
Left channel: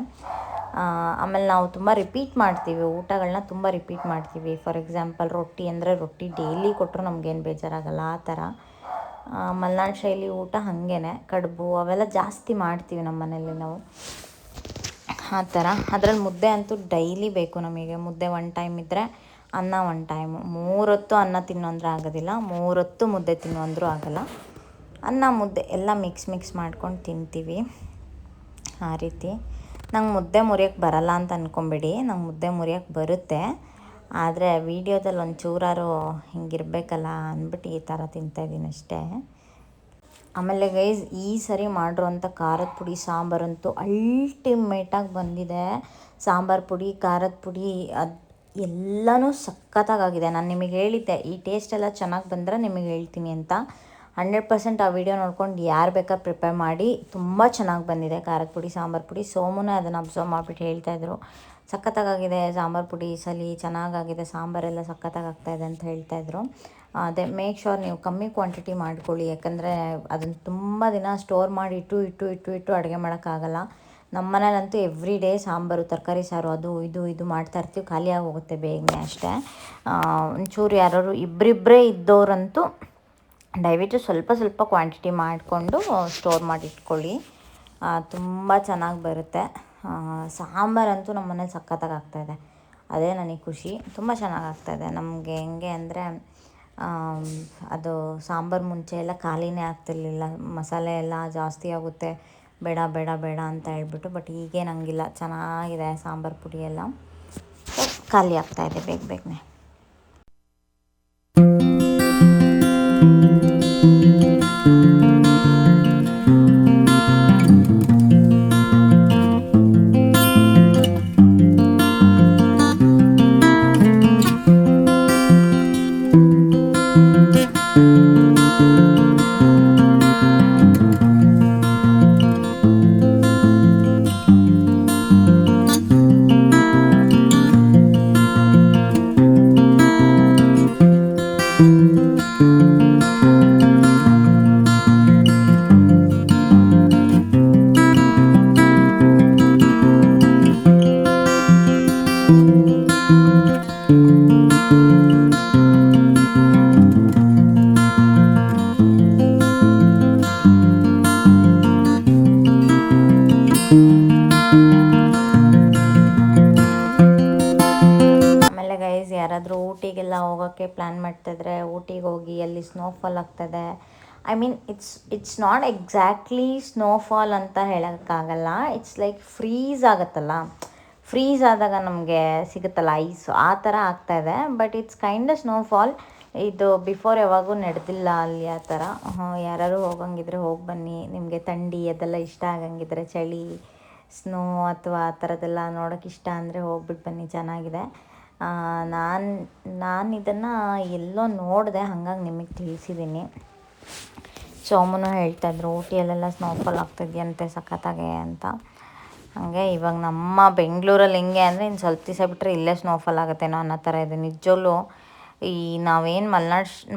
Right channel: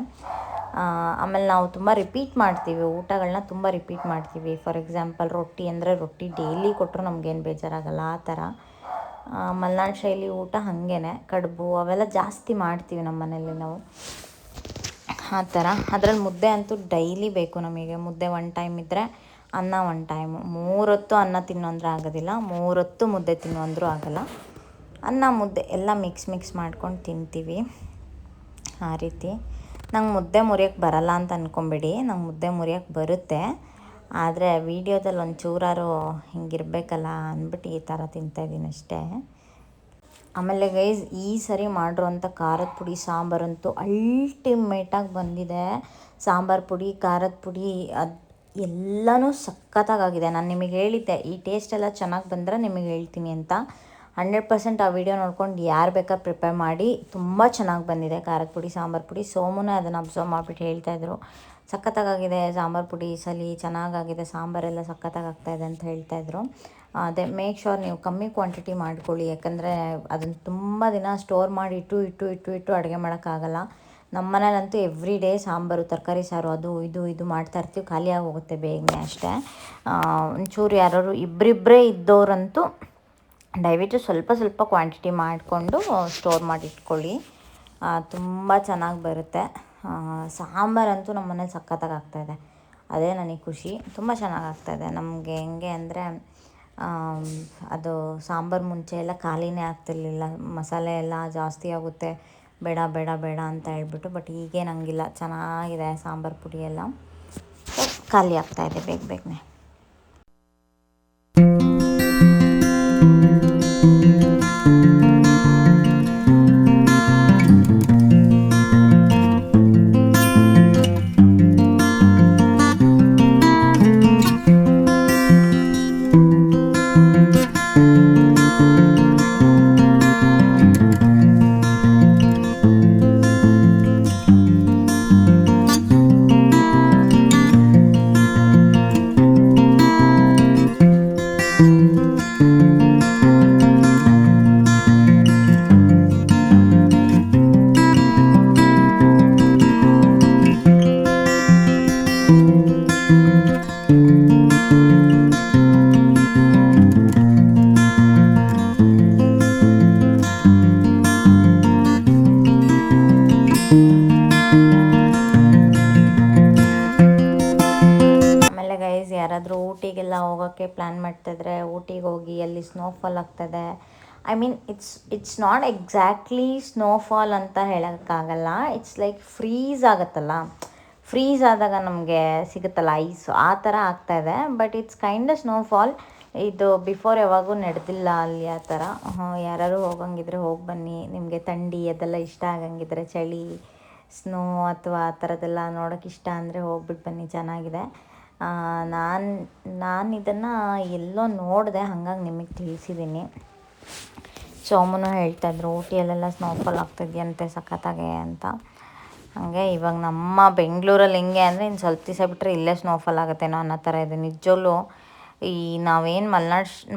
ಆಮೇಲೆ ನಾವು ತುಂಬ ರಿಪೀಟ್ ಮಾಡ್ತೀವಿ, ಊಟಗಳನ್ನ ತುಂಬ ರಿಪೀಟ್ ಮಾಡ್ತೀವಿ. ಫಾರ್ ಎಕ್ಸಾಂಪಲ್ ರೊಟ್ಟಿ ಅಂದರೆ ರೊಟ್ಟಿ ಡೈಲಿ ಕೊಟ್ಟರು ನಮಗೇನು ಬೇಜಾರಾಗಲ್ಲ, ಆ ಥರ. ಮಲೆನಾಡು ಶೈಲಿ ಊಟ ಹಾಗೇ, ಕಡುಬು ಅವೆಲ್ಲ ಜಾಸ್ತಿ ಮಾಡ್ತೀವಿ ನಮ್ಮ ಮನೇಲಿ ನಾವು, ಆ ಥರ. ಅದ್ರಲ್ಲಿ ಮುದ್ದೆ ಅಂತೂ ಡೈಲಿ ಬೇಕು ನಮಗೆ. ಮುದ್ದೆ ಒನ್ ಟೈಮ್ ಇದ್ದರೆ ಅನ್ನ ಒನ್ ಟೈಮು. 3 ಹೊತ್ತು ಅನ್ನ ತಿನ್ನು ಅಂದರೆ ಆಗೋದಿಲ್ಲ, 3 ಹೊತ್ತು ಮುದ್ದೆ ತಿನ್ನು ಅಂದರೂ ಆಗೋಲ್ಲ. ಅನ್ನ ಮುದ್ದೆ ಎಲ್ಲ ಮಿಕ್ಸ್ ಮಾಡ್ಕೊಂಡು ತಿಂತೀವಿ, ಆ ರೀತಿ. ನಂಗೆ ಮುದ್ದೆ ಮುರಿಯೋಕ್ಕೆ ಬರಲ್ಲ ಅಂತ ಅಂದ್ಕೊಂಬೇಡಿ, ನಂಗೆ ಮುದ್ದೆ ಮುರಿಯೋಕ್ಕೆ ಬರುತ್ತೆ. ಆದರೆ ವೀಡಿಯೋದಲ್ಲಿ ಒಂಚೂರಾರು ಹಿಂಗಿರಬೇಕಲ್ಲ ಅಂದ್ಬಿಟ್ಟು ಈ ಥರ ತಿಂತಾಯಿದ್ದೀನಿ ಅಷ್ಟೇ. ಆಮೇಲೆ ಗೈಸ್, ಈ ಸರಿ ಮಾಡಿರೋಂಥ ಖಾರದ ಪುಡಿ ಸಾಂಬಾರಂತೂ ಅಲ್ಟಿಮೇಟಾಗಿ ಬಂದಿದೆ. ಸಾಂಬಾರು ಪುಡಿ, ಖಾರದ ಪುಡಿ, ಅದು ಎಲ್ಲನೂ ಸಖತ್ತಾಗಿದೆ. ನಾನು ನಿಮಗೆ ಹೇಳಿದ್ದೆ ಈ ಟೇಸ್ಟ್ ಎಲ್ಲ ಚೆನ್ನಾಗಿ ಬಂದರೆ ನಿಮಗೆ ಹೇಳ್ತೀನಿ ಅಂತ. 100% ಆ ವಿಡಿಯೋ ನೋಡ್ಕೊಂಡು ಯಾರು ಬೇಕಾದ್ರೆ ಪ್ರಿಪೇರ್ ಮಾಡಿ. ತುಂಬ ಚೆನ್ನಾಗಿ ಬಂದಿದೆ ಖಾರದ ಪುಡಿ, ಸಾಂಬಾರು ಪುಡಿ. ಸೋಮುನೇ ಅದನ್ನು ಅಬ್ಸರ್ವ್ ಮಾಡಿಬಿಟ್ಟು ಹೇಳ್ತಾಯಿದ್ರು, ಸಖತ್ತಾಗಿದೆ ಸಾಂಬಾರು ಪುಡಿ ಈ ಸಲ, ಚೆನ್ನಾಗಾಗಿದೆ, ಸಾಂಬಾರೆಲ್ಲ ಸಖತ್ತಾಗ್ತಾಯಿದೆ ಅಂತ ಹೇಳ್ತಾಯಿದ್ರು. ಅದೇ ಮೇಕ್ ಶೋರ್ ನೀವು ಕಮ್ಮಿ ಕ್ವಾಂಟಿಟಿ ಮಾಡ್ಕೊಳ್ಳಿ, ಯಾಕಂದರೆ ಅದನ್ನು ತುಂಬ ದಿನ ಸ್ಟೋರ್ ಮಾಡಿ ಇಟ್ಟು ಅಡುಗೆ ಮಾಡೋಕ್ಕಾಗಲ್ಲ. ನಮ್ಮ ಮನೇಲಂತೂ ಎವ್ರಿ ಡೇ ಸಾಂಬಾರು, ತರಕಾರಿ ಸಾರು, ಅದು ಇದು ಮಾಡ್ತಾಯಿರ್ತೀವಿ, ಖಾಲಿಯಾಗಿ ಹೋಗುತ್ತೆ ಬೇಗನೆ ಅಷ್ಟೇ. ಒಂಚೂರು ಯಾರು ಇಬ್ಬರಿಬ್ಬರೇ ಇದ್ದವರಂತೂ ದಯವಿಟ್ಟು ಸ್ವಲ್ಪ ಕ್ವಾಂಟಿಟಿ ಮಾಡಿಕೊಂಡು ಸ್ಟೋರ್ ಮಾಡಿ ಇಟ್ಕೊಳ್ಳಿ, ತುಂಬ ಚೆನ್ನಾಗಿ ಬರುತ್ತೆ. ಸಾಂಬಾರಂತೂ ನಮ್ಮ ಮನೇಲಿ ಸಖತ್ತಾಗಿ ಆಗ್ತಾಯಿದೆ, ಅದೇ ನನಗೆ ಖುಷಿ. ತುಂಬ ಚೆನ್ನಾಗಿ ಆಗ್ತಾಯಿದೆ ನಮಗೆ. ಹೆಂಗೆ ಅಂದರೆ ಅದು ಸಾಂಬಾರು ಮುಂಚೆ ಎಲ್ಲ ಖಾಲಿನೇ ಆಗ್ತಿರ್ಲಿಲ್ಲ, ಮಸಾಲೆ ಎಲ್ಲ ಜಾಸ್ತಿ ಆಗುತ್ತೆ, ಬೇಡ ಅಂತ ಹೇಳ್ಬಿಟ್ಟು. ಬಟ್ ಈಗೇನಂಗಿಲ್ಲ, ಚೆನ್ನಾಗಿದೆ ಸಾಂಬಾರು ಪುಡಿ ಎಲ್ಲ. ಖಾಲಿ ಆಗ್ತಾಯಿದೆ ಬೇಗನೆ. ಆಮೇಲೆ ಗೈಸ್ ಯಾರಾದರೂ ಊಟಿಗೆಲ್ಲ ಹೋಗೋಕ್ಕೆ ಪ್ಲ್ಯಾನ್ ಮಾಡ್ತಾಯಿದ್ರೆ ಊಟಿಗೆ ಹೋಗಿ ಅಲ್ಲಿ ಸ್ನೋಫಾಲ್ ಆಗ್ತದೆ. I mean it's not exactly snowfall ಅಂತ ಹೇಳೋಕ್ಕಾಗಲ್ಲ. ಇಟ್ಸ್ ಲೈಕ್ ಫ್ರೀಸ್ ಆಗುತ್ತಲ್ಲ, ಫ್ರೀಸ್ ಆದಾಗ ನಮಗೆ ಸಿಗುತ್ತಲ್ಲ ಐಸು, ಆ ಥರ ಆಗ್ತಾಯಿದೆ. But it's kind snowfall. ಇದು ಬಿಫೋರ್ ಯಾವಾಗೂ ನಡೆದಿಲ್ಲ ಅಲ್ಲಿ ಆ ಥರ. ಯಾರು ಹೋಗಂಗಿದ್ರೆ ಹೋಗಿ ಬನ್ನಿ. ನಿಮಗೆ ಥಂಡಿ ಅದೆಲ್ಲ ಇಷ್ಟ ಆಗಂಗಿದ್ರೆ, ಚಳಿ, ಸ್ನೋ ಅಥವಾ ಆ ಥರದ್ದೆಲ್ಲ ನೋಡೋಕೆ ಇಷ್ಟ ಅಂದರೆ ಹೋಗ್ಬಿಟ್ಟು ಬನ್ನಿ, ಚೆನ್ನಾಗಿದೆ. ನಾನು ಇದನ್ನು ಎಲ್ಲೋ ನೋಡಿದೆ, ಹಾಗಾಗಿ ನಿಮಗೆ ತಿಳಿಸಿದ್ದೀನಿ. ಸೋಮನು ಹೇಳ್ತಾಯಿದ್ರು ಊಟಿಯಲ್ಲೆಲ್ಲ ಸ್ನೋಫಾಲ್ ಆಗ್ತಿದೆಯಂತೆ ಸಖತ್ತಾಗೆ ಅಂತ. ಹಾಗೆ ಇವಾಗ ನಮ್ಮ ಬೆಂಗಳೂರಲ್ಲಿ ಹೆಂಗೆ ಅಂದರೆ ಇನ್ನು ಸ್ವಲ್ಪ ದಿವಸ ಬಿಟ್ಟರೆ ಇಲ್ಲೇ ಸ್ನೋಫಾಲ್ ಆಗುತ್ತೇನೋ ಅನ್ನೋ ಥರ ಇದೆ ನಿಜವಲ್ಲೂ. ಈ ನಾವೇನು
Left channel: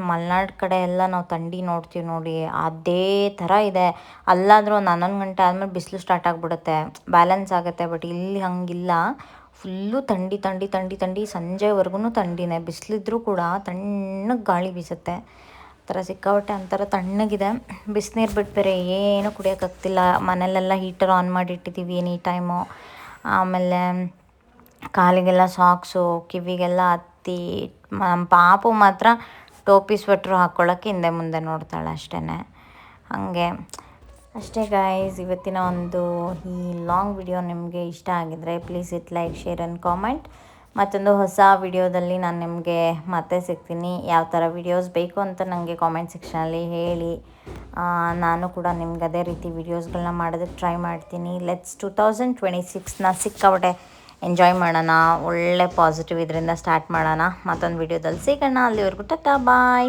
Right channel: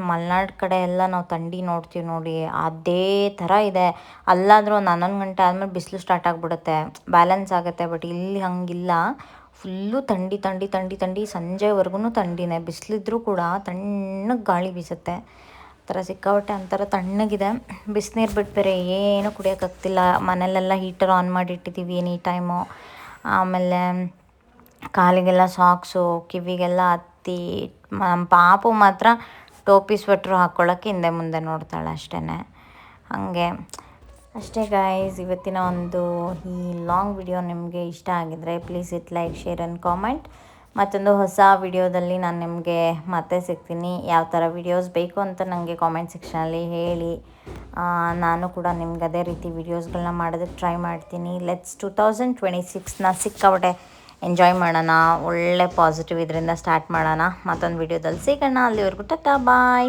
ಮಲೆನಾಡು ಕಡೆ ಎಲ್ಲ ನಾವು ಥಂಡಿ ನೋಡ್ತೀವಿ ನೋಡಿ, ಅದೇ ಥರ ಇದೆ. ಅಲ್ಲಾದರೂ ಒಂದು 11 ಗಂಟೆ ಆದಮೇಲೆ ಬಿಸಿಲು ಸ್ಟಾರ್ಟ್ ಆಗಿಬಿಡುತ್ತೆ, ಬ್ಯಾಲೆನ್ಸ್ ಆಗುತ್ತೆ. ಬಟ್ ಇಲ್ಲಿ ಹಂಗಿಲ್ಲ, ಫುಲ್ಲು ಥಂಡಿ ಥಂಡಿ ಥಂಡಿ ಥಂಡಿ, ಸಂಜೆವರೆಗೂ ಥಂಡಿನೇ. ಬಿಸಿಲಿದ್ರೂ ಕೂಡ ತಣ್ಣಗೆ ಗಾಳಿ ಬೀಸುತ್ತೆ, ಆ ಥರ ಸಿಕ್ಕಾಪಟ್ಟೆ ಒಂಥರ ತಣ್ಣಗಿದೆ. ಬಿಸಿನೀರು ಬಿಟ್ಟು ಬೇರೆ ಏನೂ ಕುಡಿಯೋಕ್ಕಾಗ್ತಿಲ್ಲ. ಮನೆಯಲ್ಲೆಲ್ಲ ಹೀಟರ್ ಆನ್ ಮಾಡಿಟ್ಟಿದ್ದೀವಿ ಎನಿ ಟೈಮು. ಆಮೇಲೆ ಕಾಲಿಗೆಲ್ಲ ಸಾಕ್ಸು, ಕಿವಿಗೆಲ್ಲ ಹತ್ತಿ. ನಮ್ಮ ಪಾಪು ಮಾತ್ರ ಟೋಪಿ ಸ್ವೆಟ್ರು ಹಾಕ್ಕೊಳ್ಳೋಕ್ಕೆ ಹಿಂದೆ ಮುಂದೆ ನೋಡ್ತಾಳೆ ಅಷ್ಟೇ. ಹಾಗೆ ಅಷ್ಟೇ ಗೈಸ್, ಇವತ್ತಿನ ಒಂದು ಈ ಲಾಂಗ್ ವಿಡಿಯೋ ನಿಮಗೆ ಇಷ್ಟ ಆಗಿದರೆ please it like, share and comment. ಮತ್ತೊಂದು ಹೊಸ ವಿಡಿಯೋದಲ್ಲಿ ನಾನು ನಿಮಗೆ ಮತ್ತೆ ಸಿಗ್ತೀನಿ. ಯಾವ ಥರ ವಿಡಿಯೋಸ್ ಬೇಕು ಅಂತ ನನಗೆ ಕಾಮೆಂಟ್ ಸೆಕ್ಷನಲ್ಲಿ ಹೇಳಿ. ನಾನು ಕೂಡ ನಿಮ್ಗೆ ಅದೇ ರೀತಿ ವಿಡಿಯೋಸ್ಗಳನ್ನ ಮಾಡೋದಕ್ಕೆ ಟ್ರೈ ಮಾಡ್ತೀನಿ. ಲೆಟ್ಸ್ 2026ನ ಸಿಕ್ಕಾಪಟ್ಟೆ ಎಂಜಾಯ್ ಮಾಡೋಣ, ಒಳ್ಳೆ ಪಾಸಿಟಿವ್ ಇದರಿಂದ ಸ್ಟಾರ್ಟ್ ಮಾಡೋಣ. ಮತ್ತೊಂದು ವಿಡಿಯೋದಲ್ಲಿ ಸಿಗೋಣ. ಅಲ್ಲಿವರೆಗೂ ಟಾಟಾ ಬಾಯ್.